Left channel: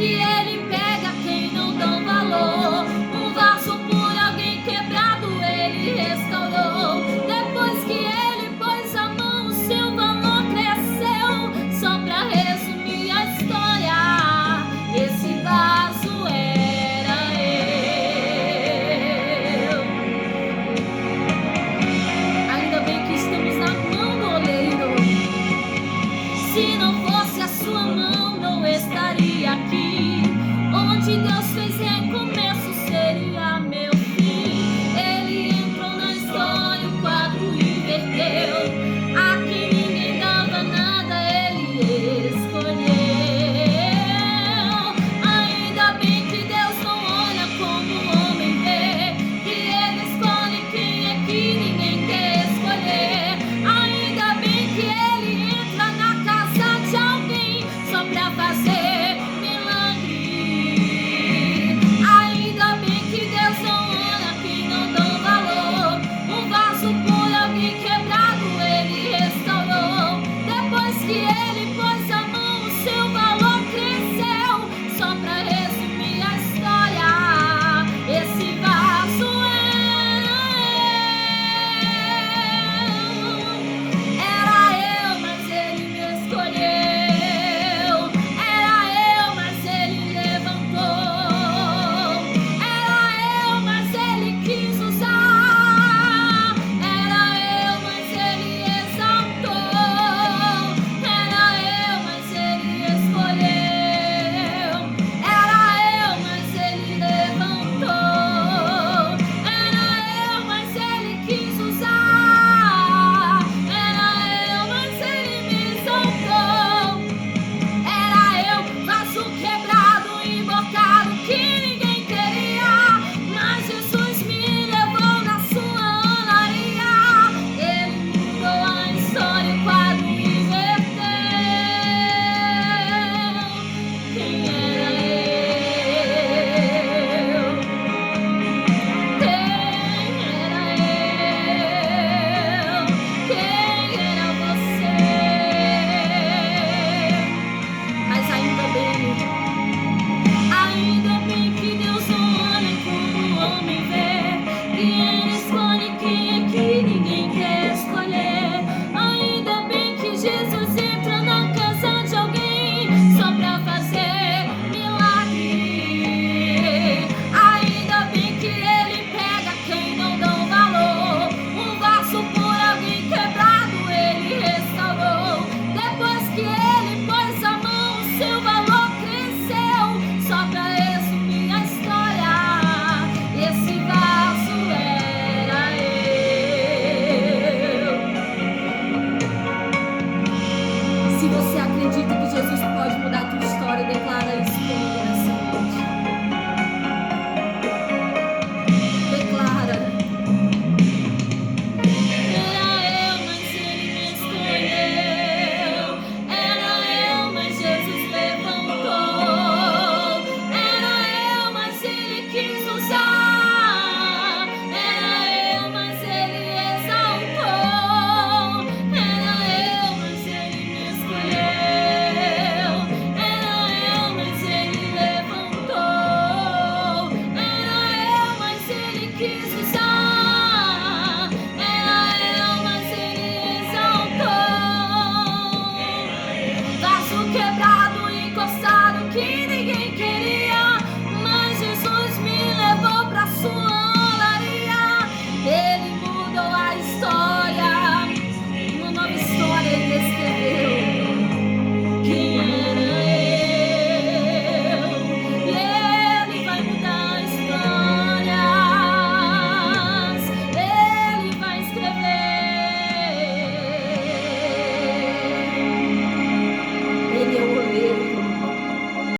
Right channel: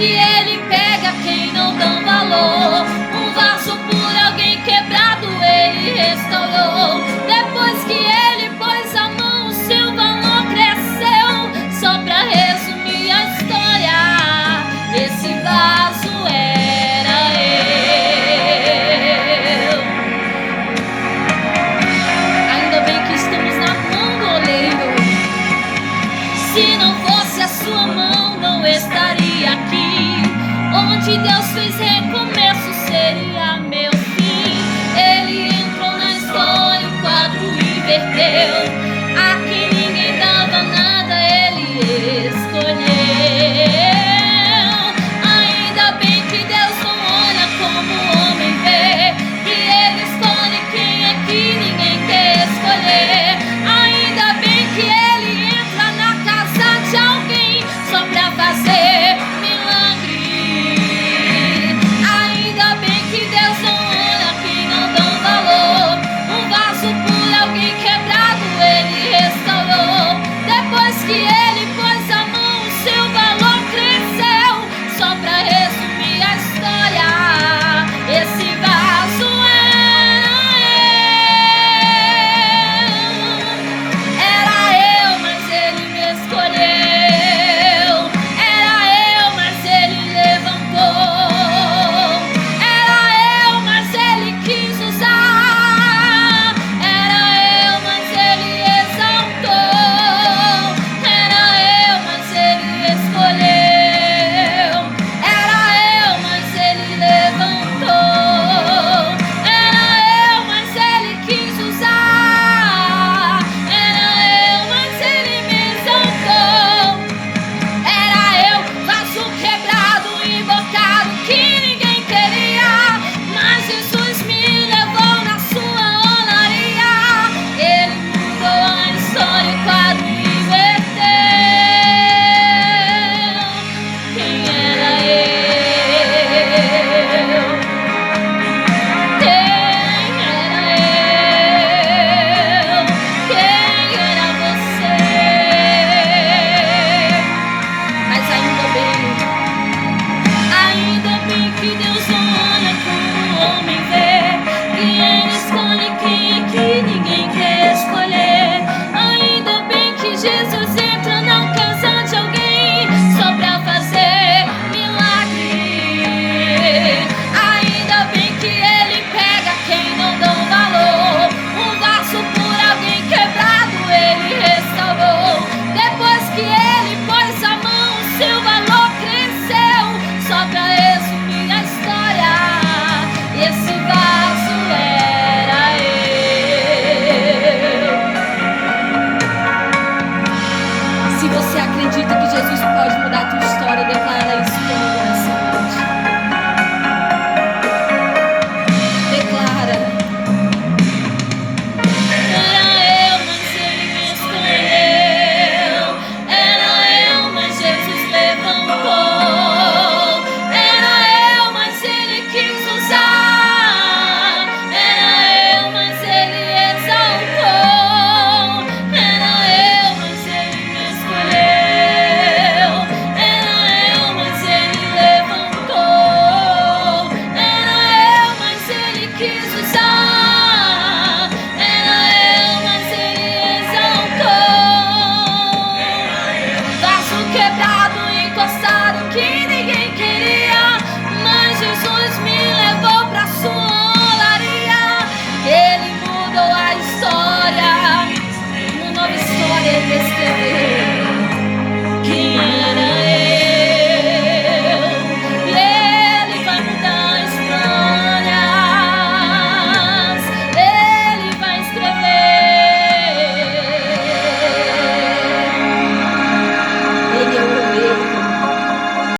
que ele pega quem não dão valor. Um vaso por alguém quebrado ele restaurou. Depois que ele pôs a mão, o seu valor cresceu. Só pra resumir a história, esse vaso era eu. Ainda bem que estamos na mão do oleiro. Se não fosse a sua mão, não estaria aqui. Onde Deus fez recomeço seria meu fim. Ele entrou na história, o quadro inverteu. Aqui ninguém dava nada, ele escolheu. Ainda bem que Deus não olha como o homem vê, que ele escolhe quem é que ninguém quer escolher. Ainda bem que ele entra na casa de alguém só pra fazer milagre. Ainda bem que Deus não olha quem não dão valor. Um vaso por alguém quebrado ele restaurou. Depois que ele pôs a mão, o seu valor cresceu. Só pra resumir a história, esse vaso era eu. Era eu, mas ele me escolheu. Era eu, mas ele levantou. Era eu, mas ele quis usar. Era eu, mas ele exaltou. Era eu, mas ele escolheu. Era eu, mas ele levantou. Era eu, mas ele quis usar. Era eu, mas ele me exaltou. Era eu, vaso quebrado, embocado, que ninguém queria. Mas Jesus me levou na sua olaria. Ele mudou a história, o quadro inverteu. Quem era eu? Quem era eu? Quem era você? Mas ainda bem que Deus não olha como o homem vê, que ele escolhe quem é que ninguém quer escolher. Ainda bem que Jesus entra na casa de alguém só pra fazer milagre. Ainda bem que ele pega quem não dão valor. Um vaso por alguém quebrado ele restaurou. Depois que ele pôs a mão, o seu valor cresceu. Só pra resumir a história, esse vaso era eu. Se você acredita que Jesus pode mudar a tua história, declara isso comigo nessa noite. Declara. Era eu, mas ele me escolheu. Era eu, mas Jesus levantou. Era eu, mas ele quis usar. Era eu, mas ele exaltou. Era eu, mas ele me escolheu. Era eu, mas ele levantou. Era eu, mas ele quis usar. Era eu, mas ele exaltou. Vaso quebrado, encostado.